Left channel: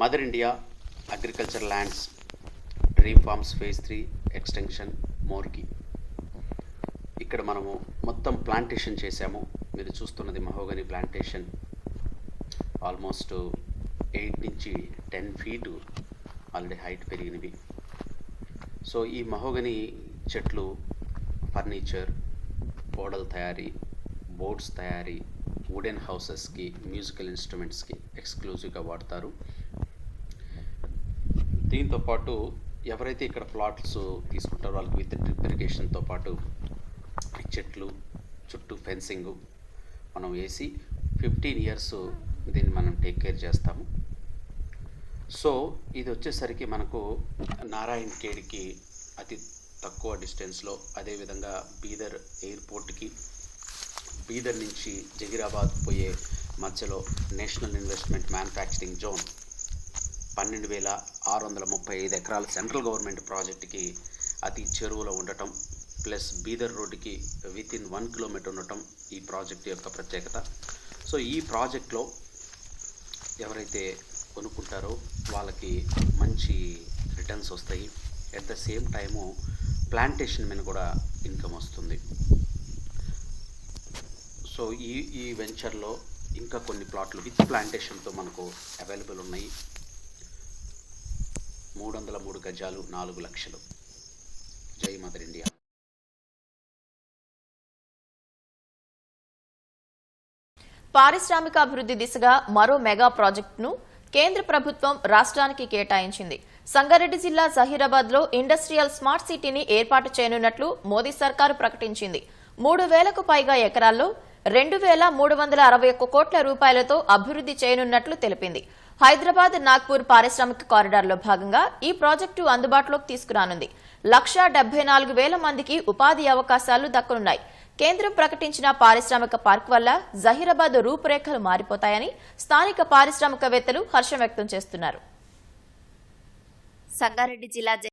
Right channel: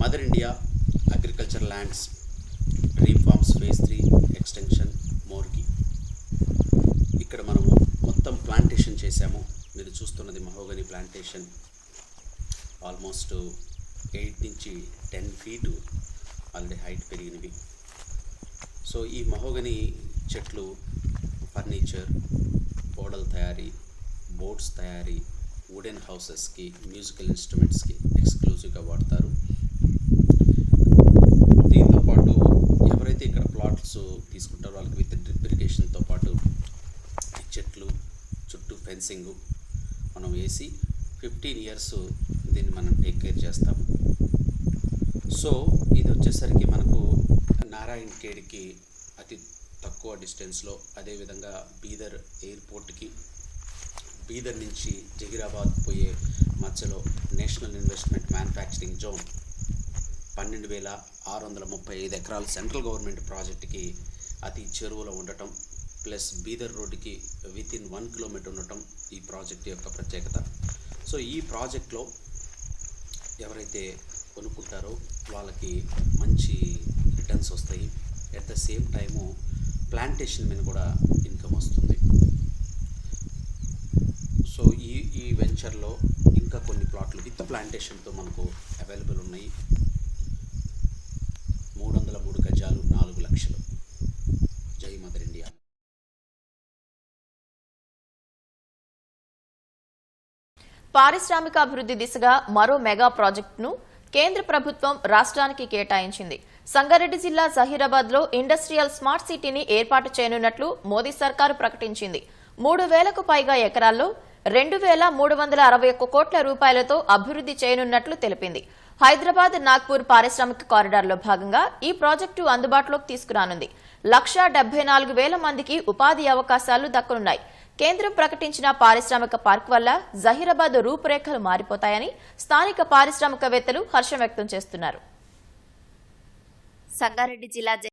Mother India agriculture lands dream farms phase 3 extension మోర్కి. ఇక్కడ మనము మొత్తం ప్లాంటేషన్ చేశాము. మీరు చూస్తున్నది మహోగని ప్లాంటేషన్. ఆల్మోస్ట్ 8 నుంచి 10 ఫీటు ఆల్రెడీ హైట్ పెరిగినవి. సో ఈ మహోగని చెట్లు ఫర్నిచర్, ఓడల తయారీ, బోట్స్ తయారీ, వుడెన్ హౌసెస్కి, మ్యూజికల్ ఇన్స్ట్రుమెంట్స్కి ఎక్స్క్లూజివ్గా వాడతారు. దీంతోపాటు ఎవరైతే ఇక్కడ ప్లాట్స్ తీసుకుంటారో వాళ్ళకి విత్ డ్రిప్ ఇరిగేషన్తో పాటు చెట్లు చుట్టూ ఫెన్సింగ్ మనం వేసి 15 ఇయర్స్ దీన్ని మనం టేక్ కేర్ చేస్తాము. సో ఇది వచ్చేసరికి మనకు నారాయణ్ ఖేడ్కి అతి తక్కువ డిస్టెన్స్లో, అదేవిధంగా బీదర్ ఎయిర్పోర్ట్కి, బీదర్ నుంచి జహీరాబాద్ పోయే మధ్యలో నేషనల్ ఇన్వెస్ట్మెంట్ మ్యానుఫ్యాక్చరింగ్ జోన్ 12,635 ఎకరాల సెంట్రల్ గవర్నమెంట్ ప్రాజెక్టుకి అతి చెరువులో ఉండటం, ప్లస్ బీదర్ రోడ్డుకి వితిన్ 1 కిలోమీటర్ ఉండటం ఈ ప్రాజెక్ట్ యొక్క ప్రత్యేకత. సో ఈ ప్రాజెక్ట్లో ఎవరైతే కొనుక్కుంటారో వాళ్ళకి మంచి రిటర్న్స్ వస్తాయి. At the same time plantation మీద కూడా ఇన్కమ్ వస్తుంది. సో ఈ వెంచర్లో ఇంకా కొన్ని ప్లాట్లు విత్ ప్లాంటేషన్తో మనకు అవైలబుల్ ఉన్నాయి. 303 గజాలు, 4 లక్షలు. జై మదర్ ఇండియా. పారిశ్రామికాభివృద్ధి దిశగా మరో మెగా ప్రాజెక్టును కేంద్ర ప్రభుత్వం రాష్ట్రానికి కేటాయించింది. సంగారెడ్డి జిల్లా జహీరాబాద్లో ఇండస్ట్రియల్ స్మార్ట్ సిటీని ఏర్పాటు చేయనున్నట్లు మోదీ సర్కారు ప్రకటించింది. 3,000కు పైగా ఎకరాల్లో 2,361 కోట్ల రూపాయలతో అభివృద్ధి చేయనున్నట్లు తెలిపింది. హైదరాబాద్ నాగ్పూర్ పారిశ్రామిక కారిడార్లో భాగంగా ఈ ప్రాజెక్టు అందుబాటులోకి తీసుకురానుంది. 1,74,000 మందికి ఉపాధి అవకాశాలు దక్కనున్నాయి. కేంద్రం ప్రకటించిన పారిశ్రామిక పార్క్ వల్ల జహీరాబాద్ రూపురేఖలు మారిపోతాయని స్థానిక పారిశ్రామికవేత్తలు హర్షం వ్యక్తం చేస్తున్నారు. సంగారెడ్డి జిల్లా